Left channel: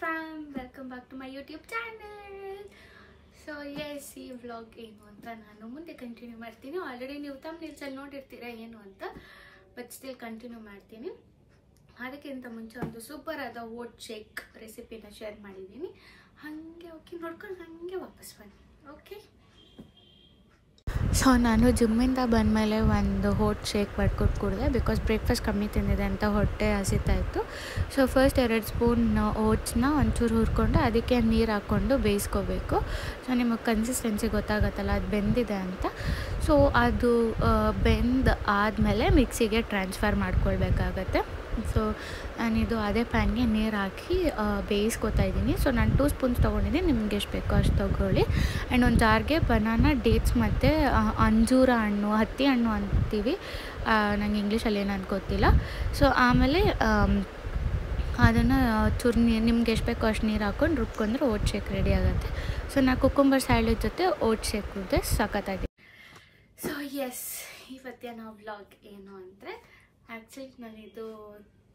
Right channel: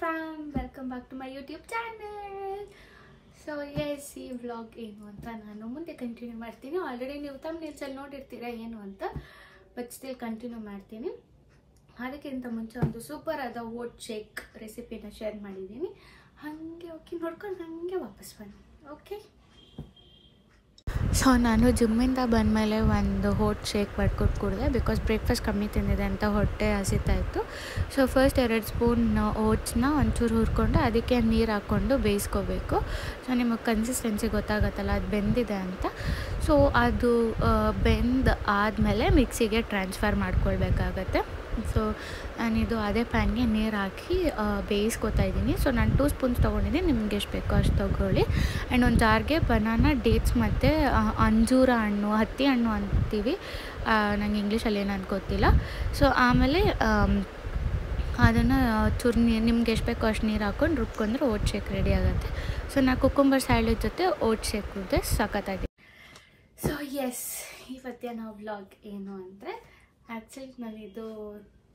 fam, welcome back to my YouTube channel. So yes, ಈ vlog ಏನು ಅಂತ ನಾನು ಮುಂದೆ ಕಂಟಿನ್ಯೂ ಮಾಡ್ತೀನಿ. ಆಲ್ರೆಡಿ ನೀವು ಥಂಬ್ನೇಲ್ಸಲ್ಲಿ ನೋಡಿರ್ತೀರಾ ಏನು ಅಂತ, ಬಟ್ ಸ್ಟಿಲ್ ಕಂಟಿನ್ಯೂ ಮಾಡ್ತೀನಿ. ಅದಕ್ಕಿಂತ ಮುಂಚೆ ಒಂದು ಸೂಪರ್ ಆದ ಓಟ್ ಶೇಕ್ ರೆಸಿಪಿನ ಶೇರ್ ಮಾಡಿದ್ದೀನಿ. ಹಾಗೆ ಓಕೆ ನೋಡ್ಕೊಂಡು ಹಾಗೆ ವಾಪಸ್ ಬನ್ನಿ. ಓಕೆ, ಸೊ ನಾನು ಜಿಮ್ಮಿಂದ ಬಂದಮೇಲೆ ಒಂದು ಓಟ್ ಶೇಕ್ ಮಾಡ್ಕೊಟ್ಟು ಕುಡಿದೆ. ಬಿಕಾಸ್ ಬ್ರೇಕ್ಫಾಸ್ಟ್ ಕಮ್ಮಿ ತಿಂದಿದೆ ಅಂತ ಹೊಟ್ಟೆ ಹಸಿತಾಯಿತ್ತು. ಸೊ ಫಸ್ಟ್ 2 ಸ್ಪೂನ್ ಓಟ್ಸ್ನ ಒಂಚೂರು ಹುರ್ಕೊಂಡು ಅದಕ್ಕೆ ನೀರು ಹಾಕ್ಕೊಂಡು ಬೇಯಿಸ್ಕೋಬೇಕು. ಸೊ ನಿಮಗೆ ಕನ್ಸಿಸ್ಟೆನ್ಸಿ ಗೊತ್ತಾಗತ್ತಲ್ಲ ಅದು ಬೆಂದಿದೆ ಅಂತ. ಸೊ ಅದು ಬೆಂದು ಆದಮೇಲೆ ಮಿಕ್ಸಿಗೆ ಟ್ರಾನ್ಸ್ಫರ್ ಮಾಡ್ಕೊಳ್ಬೇಕಾಗತ್ತೆ. ಸೊ ನಾನಿದು ಅದೇ ಪ್ಯಾನ್ಗೆ ನೀರು ಹಾಕಿ ಬೇಯಿಸ್ಕೊತಾ ಇದ್ದೀನಿ. ಸೊ ನಾನು 2 ಸ್ಪೂನ್ಸ್ ತೊಗೊಂಡಿದ್ದೀನಿ, ನಿಮ್ಗೆ ಎಷ್ಟು ಬೇಕೋ ಅಷ್ಟು ತೊಗೊಳ್ಳಿ. ಆ್ಯಂಡ್ ಒಂದು ಜಾರ್ಗೆ ಬನಾನಾ, ಡೇಟ್ಸ್ ಮತ್ತು ಅಂಜೂರ ಹಣ್ಣು, ಹತ್ತಿ ಹಣ್ಣು ಅಂತೀವಿ, ನಂಗೆ ಇಂಗ್ಲೀಷಲ್ಲಿ ಏನು ಗೊತ್ತಿಲ್ಲ. ಸೊ ಆಮೇಲೆ ಅದನ್ನು ಚೂರು ನಿಮ್ಗೆ ಎಷ್ಟು ಬೇಕೋ ಅಷ್ಟು ನೀರು ಹಾಕ್ಕೊಂಡು ರುಬ್ಕೊಂಡ್ರೆ ಓಟ್ ಶೇಕ್ ರೆಡಿ ಆಗುತ್ತೆ. ಸೊ ನಾನು ಕುಕ್ಕುಂಬರ್ ಸ್ಯಾಲಡ್ ಜೊತೆ ಓಟ್ ಶೇಕ್ ಕುಡಿದೆ, ಸಖತ್ತಾಗಿದೆ. ಸೊ ಎಸ್, ಇವತ್ತಿನ ವ್ಲಾಗ್ ಏನು ಅಂದರೆ, ಆ್ಯಕ್ಚುಲಿ ನಾನಿದು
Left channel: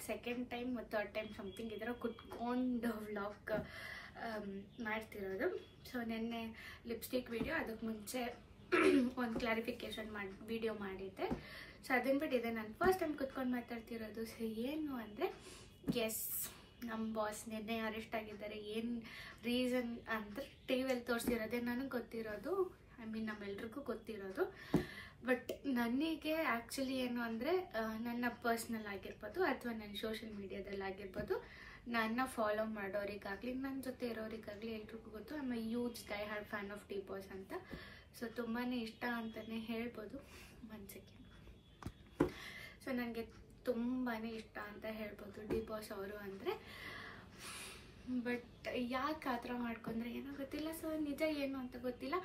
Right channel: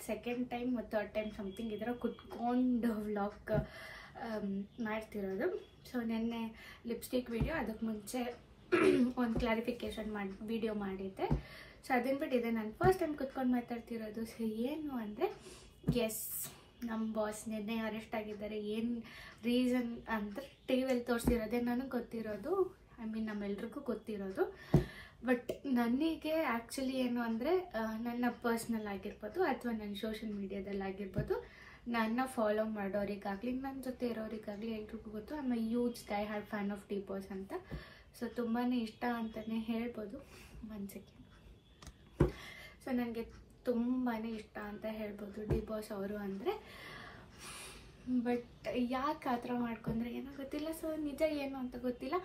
ಸೆಕೆಂಡ್ ಟೈಮ್ ಮತ್ತು 3rd ಟೈಮ್ ಸಮಥಿಂಗ್ ಇದರ ಕುತ್ಕೊಂಡು ವ್ಲಾಗ್ ಮಾಡ್ತಿರೋದು. ಸೊ ನೆನ್ನೆ ಲಿಪ್ಸ್ಟಿಕ್ ವಿಡಿಯೋ, ಅದಕ್ಕೆ ಮುಂಚೆ ಒಂದು ಕ್ಲಾರಿಫಿಕೇಷನ್ ವಿಡಿಯೋ ಮಾಡಿದ್ದೆ. ಸೊ ಅದನ್ನು ಬಿಟ್ಟು ಇದೆ ನಾನು ಫಸ್ಟ್ ಟೈಮ್ ಕುತ್ಕೊಂಡು ಮಾತಾಡ್ತಿರೋದು. ಸೊ ಏನು ಅಂದರೆ, ಎಸ್, ನಮ್ಮ ಬಾಸ್ ನಿನ್ನೆ ಅರೆಸ್ಟ್ ಆಗಿದ್ದಾರೆ. ಏನು ರೀಸನ್ ಅಂದರೆ ಟಿವಿಯಲ್ಲಿ ತೋರಿಸಿರೋದೇ ನನಗೆ ಗೊತ್ತಿರೋದು, ಐ ಮೀನ್ ನಮ್ಮೆಲ್ರಿಗೂ ಗೊತ್ತಿರೋದು. ಬಟ್ ನನಗೆ ಆ್ಯಕ್ಚುಲಿ ಏನು ಅಂದರೆ, ನನ್ನ ಪರ್ಸ್ನಲ್ ಆಗಿರ್ಬೋದು ಅಥವಾ ನನ್ನ ಸೋಷಿಯಲ್ ಮೀಡಿಯಾದಲ್ಲಿ ಆಗಿರ್ಬೋದು, ನನ್ನ ಫಾಲೋ ಮಾಡೋರಿಗಾಗಲಿ ನನ್ನ ಜೊತೆ ಇರೋರಿಗಾಗಲಿ ಎಲ್ರಿಗೂ ಗೊತ್ತು, I am A huge dye hard fan of D boss ಅಂತ. ಸೊ ತುಂಬಾ ಇಷ್ಟ ಅಂತಲೇ ಹೇಳ್ಬೋದು. 1 ಸೆಕೆಂಡ್. ಸೊ ನನಗೆ ತುಂಬಾ ಇಷ್ಟ ಅಂತ ಹೇಳ್ಬೋದು ಡಿ ಬಾಸ್ ಅವರು ಅಂದರೆ. ಬಟ್ ಯಾಕೆ ಆ ಥರ ಮಾಡ್ಕೊಂಡ್ರೆ ಏನೋ ಗೊತ್ತಿಲ್ಲ. ಸೊ ನಿಜ ಏನು ಅಂತ ಗೊತ್ತಿಲ್ಲ.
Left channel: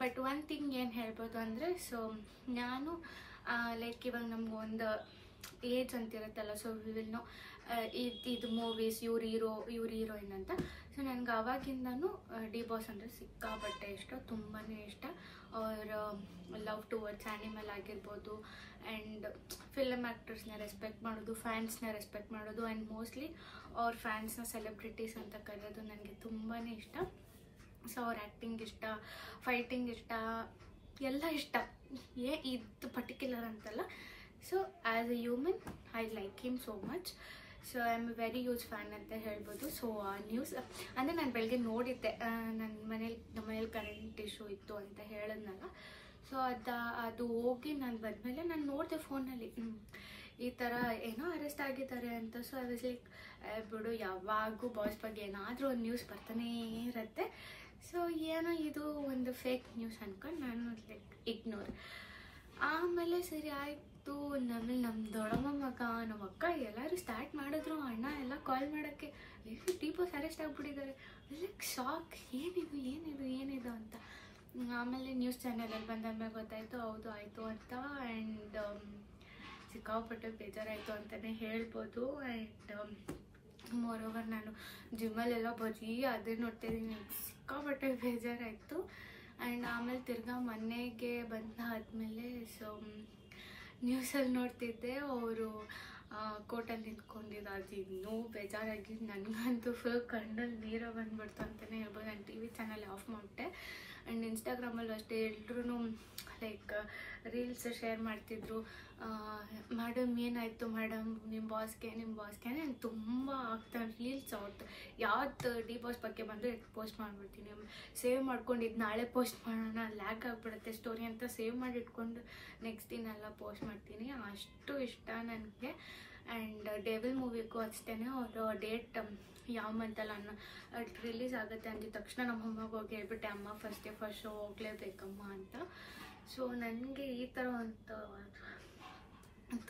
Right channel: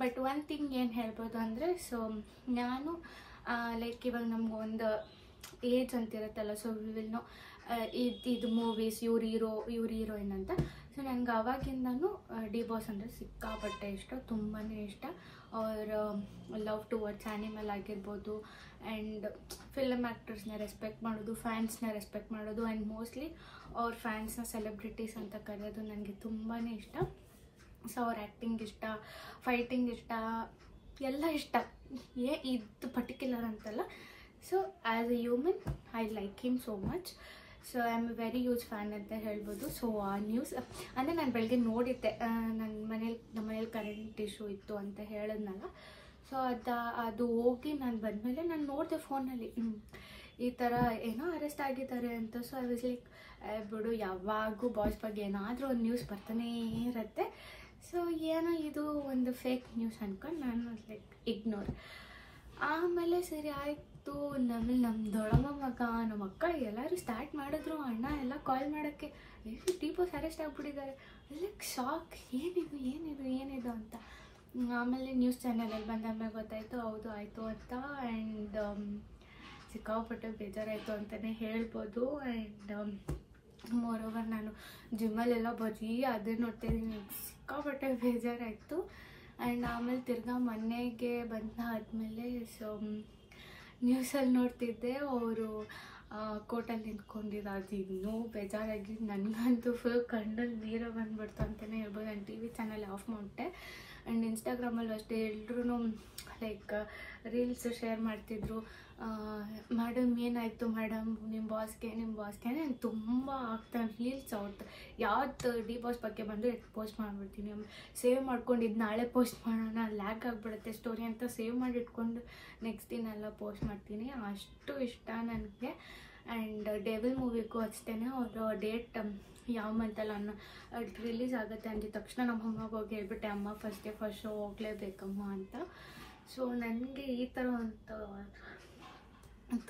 ಬಟ್ ಒನ್ ಥಿಂಗ್ ಏನು ಹೇಳ್ಬೋದು ಅಂದರೆ, ಸೊ ನಾನು ಲೈಕ್ ಇವಾಗ ನಮಗೊಂದು ಏಜ್ ಅಂತಿರುತ್ತಲ್ಲ, ಸೊ ವಿ ವಿಲ್ ನೋ ಇದು ಮೂವೀಸ್, ಇವ್ರು ಹೀರೋಯಿನ್ ಅಂತ. ಸೊ ನನಗೆ ಆವಾಗಿಂದನೂ ಡಿ ಬಾಸ್ ಅಂದರೆ ಸಿಕ್ಕಾಪಟ್ಟೆ ಇಷ್ಟ, ತುಂಬಾ ಇಷ್ಟ. ಅವ್ರ ಲವ್ ಟುವರ್ಡ್ಸ್ ಆ್ಯನಿಮಲ್ ಆಗಿರ್ಬೋದು, ಆ್ಯಂಡ್ ಫಿಲಮ್ ಆ್ಯಕ್ಟರ್ಸ್ನ ರೆಸ್ಪೆಕ್ಟ್ ಮಾಡೋದು, ಫ್ಯಾನ್ಸ್ನ ರೆಸ್ಪೆಕ್ಟ್ ಮಾಡೋದು, ಆ್ಯಂಡ್ ಮೋಸ್ಟ್ಲಿ ಅವ್ರ ಫ್ಯಾನ್ಸ್ನ ಸೆಲೆಬ್ರಿಟೀಸ್ ಅಂತ ಕರೆಯೋದು ನನಗೆ ತುಂಬಾ ಇಷ್ಟ. ಸೊ ಅವ್ರ ಆ್ಯಕ್ಟಿಂಗ್ ಇಷ್ಟ, ಫೈಟಿಂಗ್ ಇಷ್ಟ, ಎಲ್ಲ ಇಷ್ಟ. ಇದು ಪರ್ಟಿಕ್ಯುಲರ್ ಅಂತಲ್ಲ. So as A human I like him so much. So I am A very huge fan ಅಂತ ಹೇಳ್ಬೋದು. ಸೊ ಆ ನ್ಯೂಸ್ ಅಂದರೆ ನಾನು ಬೆಳಗ್ಗೆ ನೋಡಿದ್ದೆ, ನಮ್ಮ ಮನೇಲಿ ಕರೆಂಟ್ ಇಶ್ಯೂ ಇತ್ತು ಅಂತ ಹೇಳಿದ್ನಲ್ಲ. ಸೊ ಅದು ಹೋಗಿ ನಾನು ಬಂದಮೇಲೆ ನಾನು ನೋಡಿದೆ ಫೋನಲ್ಲಿ ಈ ಥರ ಏನೋ ಅರೆಸ್ಟ್ ಆಗಿದ್ದಾರೆ ಅಂತ. ಸೊ ಐ ವಾಸ್ ಲೈಕ್, ಬಿಡು, ಯಾವಾಗೂ ಬಾಸ್ ಬಗ್ಗೆ ಏನಾದರೂ ಒಂದು ನ್ಯೂಸ್ ಬರ್ತಾನೇ ಇರುತ್ತೆ. ಸೊ ಏನೋ ಇದು ಒಂದು ಫೇಕ್ ನ್ಯೂಸ್ ಅಂದ್ಕೊಂಡು ನಾನು ಲೈಕ್ ಇಗ್ನೋರ್. ಆಮೇಲೆ ಸರಿ ಆಯಿತು, ನಮ್ಮ ದೊಡ್ಡಮ್ಮ ಮಗ, ನಮ್ಮ ಅಕ್ಕ ಎಲ್ಲರೂ ಸ್ಟಾರ್ಟ್ ಮಾಡಿದ್ರು, ಅಣ್ಣ ಎಲ್ಲ ಕಾಲ್ ಮಾಡೋಕ್ಕೆ, ಡಿ ಬಾಸ್ ಅರೆಸ್ಟ್ ಆಗಿಬಿಟ್ಟಿದ್ದಾರೆ. ಲೈಕ್ ಶಾಕ್, ಏನಿದು ಅಂತ. ಆಮೇಲೆ ನ್ಯೂಸ್ ಚಾನೆಲಲ್ಲಿ ಬಂದಾದ್ಮೇಲೆ ಗೊತ್ತಾಯಿತು, ಹೌದು ಆಯಿತು ಅಂತ. ಆ್ಯಂಡ್ ಸಿಕ್ಕಾಪಟ್ಟೆ ಬೇಜಾರಾಯಿತು ಅಂತಲೇ ಹೇಳ್ಬೋದು. ಆ್ಯಂಡ್ ಮೋರ್ ಓವರ್ ನಾನು ಜಿಮ್ಮಲ್ಲೆಲ್ಲ ಬರೀ ಅದೇ ನೋಡ್ತಾಯಿದ್ದೀನಿ, ಸಿಕ್ಕಾಪಟ್ಟೆ ಬೇಜಾರಾಯಿತು. ಆ್ಯಂಡ್ ಆಮೇಲೆ ತಿರ್ಗಾ ಮನೆಗೆ ಬಂದಾದಮೇಲೆ ಸೊ ನ್ಯೂಸಲ್ಲಿ ನೋಡ್ತಿದ್ದೆ, ಅವರು ಕೋರ್ಟಲ್ಲಿ ನಿಂತ್ಕೊಂಡಿದ್ದು. ಅದು ಇನ್ನೂ ಬೇಜಾರಾಗಿ ನನಗಂತೂ ಫುಲ್ ಕಣ್ಣಲ್ಲಿ ನೀರು ಬಂದುಬಿಡ್ತು ಅಂತಲೇ ಹೇಳ್ಬೋದು. ನಾನು ಟಿ ವಿ ಚಾನಲ್ ಆಫ್ ಮಾಡಿಬಿಟ್ಟೆ. ಆ್ಯಂಡ್ ಇನ್ಸ್ಟಾಗ್ರಾಮಲ್ಲೂ ಅಷ್ಟೇ ಎಲ್ರೂ ಲೈಕ್ ರೀಲ್ಸ್ ಶೇರ್ ಮಾಡ್ತಿದ್ರು, ಮೇಡಮ್ ಏನಾಯಿತು ಮೇಡಮ್, ನಿಮ್ಮ ಬಾಸ್ಗೆ ನಾನು ತುಂಬ ಆಗ್ತಾನೆ ರೀಲ್ಸ್ ಅವ್ರದ್ದು. ಯಾವ್ದು ಡಿ ಬಾಸ್ ಬಗ್ಗೆ ಬಂದು ಪೋಸ್ಟ್ ಮಾಡಿಬಿಡ್ತೀನಿ, ಸೇವ್ ಮಾಡ್ಕೊಂಡಿದ್ದು ನಾಳೆ ಪೋಸ್ಟ್ ಮಾಡೋಣ, ಲ್ಯಾಗ್ ಆಗಿಬಿಡುತ್ತೆ ಸ್ಟೋರಿ ಅಂತ ಸೇವ್ ಮಾಡಿ ಇಟ್ಕೊಂಡು ನೆಕ್ಸ್ಟ್ ದಿನ ಎಲ್ಲ ಪೋಸ್ಟ್ ಮಾಡ್ತೀನಿ. ಅಷ್ಟು ಇಷ್ಟ ನನಗೆ. ಆ್ಯಂಡ್ ಡೆವಿಲ್ ಮೂವಿಗೂ ಅಷ್ಟೇ, ಅವರು ಡೇಟ್ ಯಾವ ಮಂತಲ್ಲ ರಿಲೀಸ್ ಆಗುತ್ತೆ ಅಂದಿದ ತಕ್ಷಣ ನಮ್ಮ ಅಮ್ಮಗೆ ಹೋಗಿ ಹೇಳ್ಬಿಟ್ಟೆ, ಅಮ್ಮ ಫಸ್ಟ್ ಶೋ ಹೋಗಲೇಬೇಕಮ್ಮ ಅಂತ. ಸೊ ನನಗೆ ಈ ಥರ ಒಂದು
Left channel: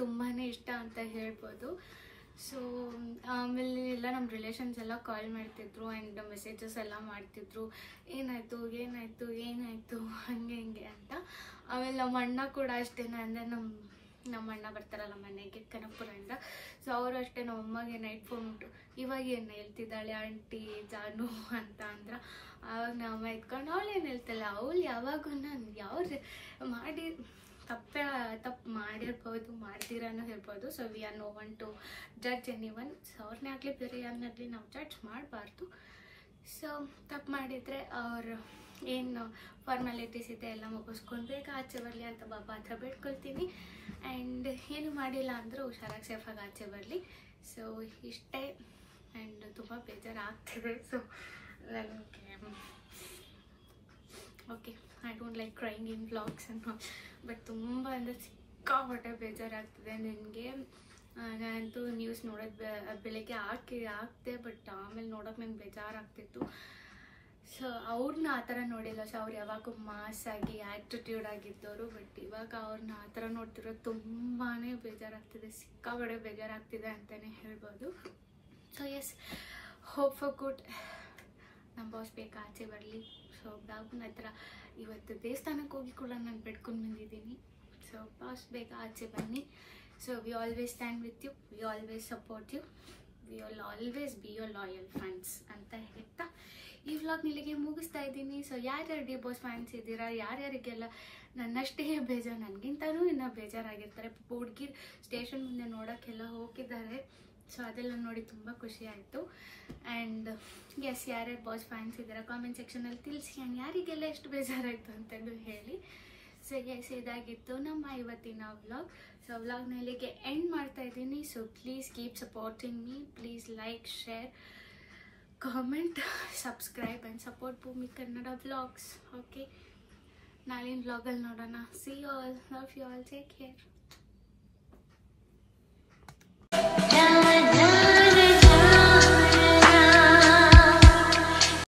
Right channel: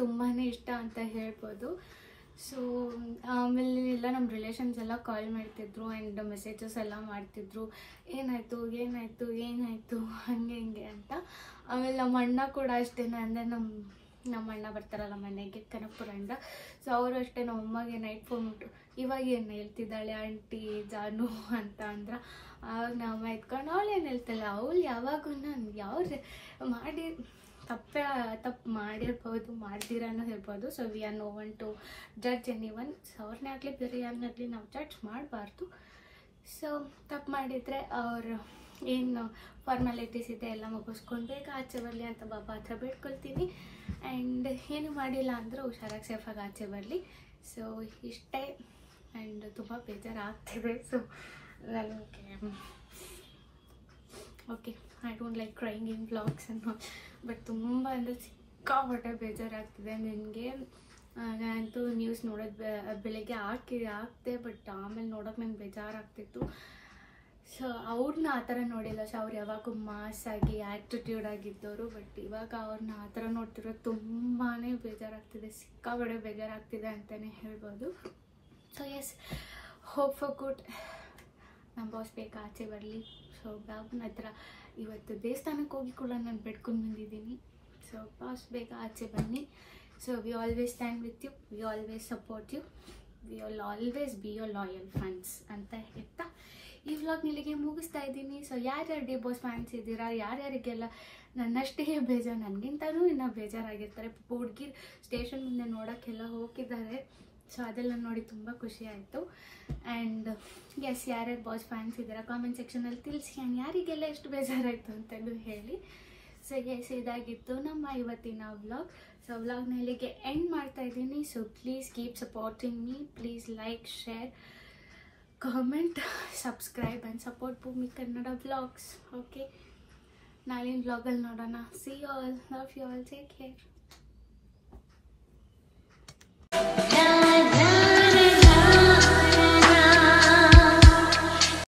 ತುಂಬಾ ಇಷ್ಟ ಅಂತ ಹೇಳ್ಬೋದು. ಸೊ ಆಮೇಲೆ ಎಲ್ಲ ನಮ್ಮ ರಿಲೇಷನ್ಸ್ ಎಲ್ಲ ಕಾಲ್ ಮಾಡ್ತಿದ್ರು ಆ್ಯಂಡ್ ಮೆಸೇಜಸ್ ಎಲ್ಲ ಮಾಡ್ತಿದ್ರು, ಏನಾಯಿತು ಹಂಗೆ ಅಂತ. ಆಮೇಲೆ ನಮ್ಮ ಅಣ್ಣ ಕೂಡ ಅಷ್ಟೇ, ಅಂದರೆ ನಮ್ಮ ಅಣ್ಣ ಬರ್ತಾರಲ್ಲ ಮನೆಗೆ ಕನಕಪುರದಿಂದ. ಸೊ ಅವರು ಅಷ್ಟೇ ನಮ್ಮ ಅಮ್ಮಗೆ ನೈಟ್ ಫೋನ್ ಬಿಟ್ಟು, ಇವಾಗ ಏನು ಹೇಳ್ತಿದ್ದಾಳೆ ಆಂಟಿ ಜಾನು ಅಂತ ಅಂದ್ರೆ, ಆವಾಗ ನಮ್ಮ ಎತ್ಕೊಂಡು ಅವಳು ಏನು ಹೇಳ್ತಾಳೆ, ಅವಳು ಯಾವಾಗೂ ನಾನು ಮಾಡಿ ತಪ್ಪು ಮಾಡಿರ್ಬೋದು, ಮಾಡ್ದಿರಾನು ಇರ್ಬೋದು. So we are no one to judge any one. So ಅವ್ರನ್ನೇ ಆಗಲಿ ಬೇರೆ ಯಾರನ್ನಾಗಲಿ ನಾವು ಜಡ್ಜ್ ಮಾಡಬಾರ್ದು. ಸೊ ತಪ್ಪು ಮಾಡಿದರೆ ಅವ್ರು ಏನು ಫಾರ್ಮ್ಯಾಲಿಟೀಸ್ ಇದೆ ಎಲ್ಲ ಮುಗಿಸ್ಕೊಂಡು ಬೇಗ ಆಚೆ ಬರಲಿ ಅಂತ ಬಾಬಾ ಹತ್ರ ಬೇಡ್ಕೊಳ್ತೀನಿ. ಆ್ಯಂಡ್ ಏನು ಮಾಡಿಲ್ಲ ಅಂದರೂ ಹುಷಾರಾಗಿ ಸೇಫಾಗಿ ಆಚೆ ಬರಲಿ. ಸೊ ಇಷ್ಟೇ. ಆ್ಯಂಡ್ ತುಂಬ ಬೇಜಾರಾಗ್ತಿದೆ. ಸೊ ನನಗೆ okay, I don't like crying in vlogs ಅನ್ನೋ, ಬಟ್ ತುಂಬ ಅಂದರೆ ಸಿಕ್ಕಾಪಟ್ಟೆ ಬೇಜಾರಾಗ್ತಿದೆ ನನಗೆ. ನಾನಂತೂ ನ್ಯೂಸ್ ನೋಡೋದು ಬೆಳಗ್ಗೆ ಹಾಕ್ತೆ, ಬಟ್ ಆಮೇಲೆ ನೋಡೋಕೆ ನಂಗೆ ಬೇಜಾರಾಗ್ತಿತ್ತು. ಸೊ ಅವ್ರನ್ನ ಆ ಥರ ನೋಡಿಲ್ಲ. ಸೊ ಅವ್ರು ಯಾವಾಗೂ ಮಾಸಾಗಿ ಆ್ಯಟಿಟ್ಯೂಡ್ ಆಗಿದ್ದವರು, ಬಟ್ ಇವಾಗ ಅವ್ರನ್ನ ಆ ಥರ ನೋಡ್ತಿರೋದು ತುಂಬಾ ಬೇಜಾರಾಗ್ತಿದೆ, ಸಿಕ್ಕಾಪಟ್ಟೆ ಬೇಜಾರಾಗ್ತಿದೆ ಅಂತಲೇ ಹೇಳ್ಬೋದು. So yes, hope for good. ನಮ್ಮ ಬಾಸ್ ಬೇಗ ಆಚೆ ಬರಲಿ. ಸೊ ಬಾಬುನ ಹತ್ರ ಇವತ್ತು ದೇವಸ್ಥಾನಕ್ಕೆ ಹೋಗಿ ಕೂಡ ನಾನು ಬೆಡ್ಕೊಂಡು ಬಂದಿದ್ದೀನಿ. ಸೊ ಬಾಸ್ ಬೇಗ ಆಚೆ ಬನ್ನಿ. So we always stand with you, we always support you, we will always be your loyal fans ಅಂತ ಹೇಳ್ತಾ ಈ ವ್ಲಾಗ್ ಇಲ್ಲಿಗೆ ಮುಗಿಸ್ತಾ ಇದ್ದೀನಿ. ಸೊ ಯಾರ್ಯಾರು ಡಿ ಬಾಸ್ ಫ್ಯಾನ್ಸ್ ಇದ್ದೀರಾ, ಯಾರ್ಯಾರಿಗೆಲ್ಲ ನನ್ನಷ್ಟೇ ಬೇಜಾರು, ನನಗಿಂತನೂ ಇನ್ನೂ ಬೇಜಾರಾಗಿರ್ತಾರೆ. ಹುಡುಗಿರು ಸ್ಟೇಷನ್ ಮುಂದೆ ನೋಡೋಕ್ಕೆಲ್ಲ ಹೋಗಿದ್ದಾರೆ. ಸೊ ಅದೆಲ್ಲ ನೋಡಿ ತುಂಬ ಖುಷಿ ಆಯಿತು. ಆ್ಯಂಡ್ ಎಸ್, ಯಾರ್ಯಾರು ಬಾಸ್ ಫ್ಯಾನ್ಸ್ ಇದ್ದೀರಾ ಕಾಮೆಂಟ್ ಸೆಕ್ಷನಲ್ಲಿ ತಿಳಿಸಿ. ಆ್ಯಂಡ್ ಯಾರಿಗೆಲ್ಲ ಎಷ್ಟು ಬೇಜಾರಾಯಿತು ಅಂತಲೂ ಹೇಳಿ. ಸೊ ಎಸ್, ಇದಾಗಿತ್ತು ನಮ್ಮ ಇವತ್ತಿನ ವ್ಲಾಗ್. ಸೊ ವ್ಲಾಗ್ನ ಇಲ್ಲಿಗೆ ಎಂಡ್ ಮಾಡ್ತಾ ಇದ್ದೀನಿ. So please keep supporting me. Please like, share, comment, subscribe and support Bhoomi Kannada vlogs. Okay, ನಾಳಿನ ವ್ಲಾಗಲ್ಲಿ ನೋಡೋಣ. See you all, love you all, take care.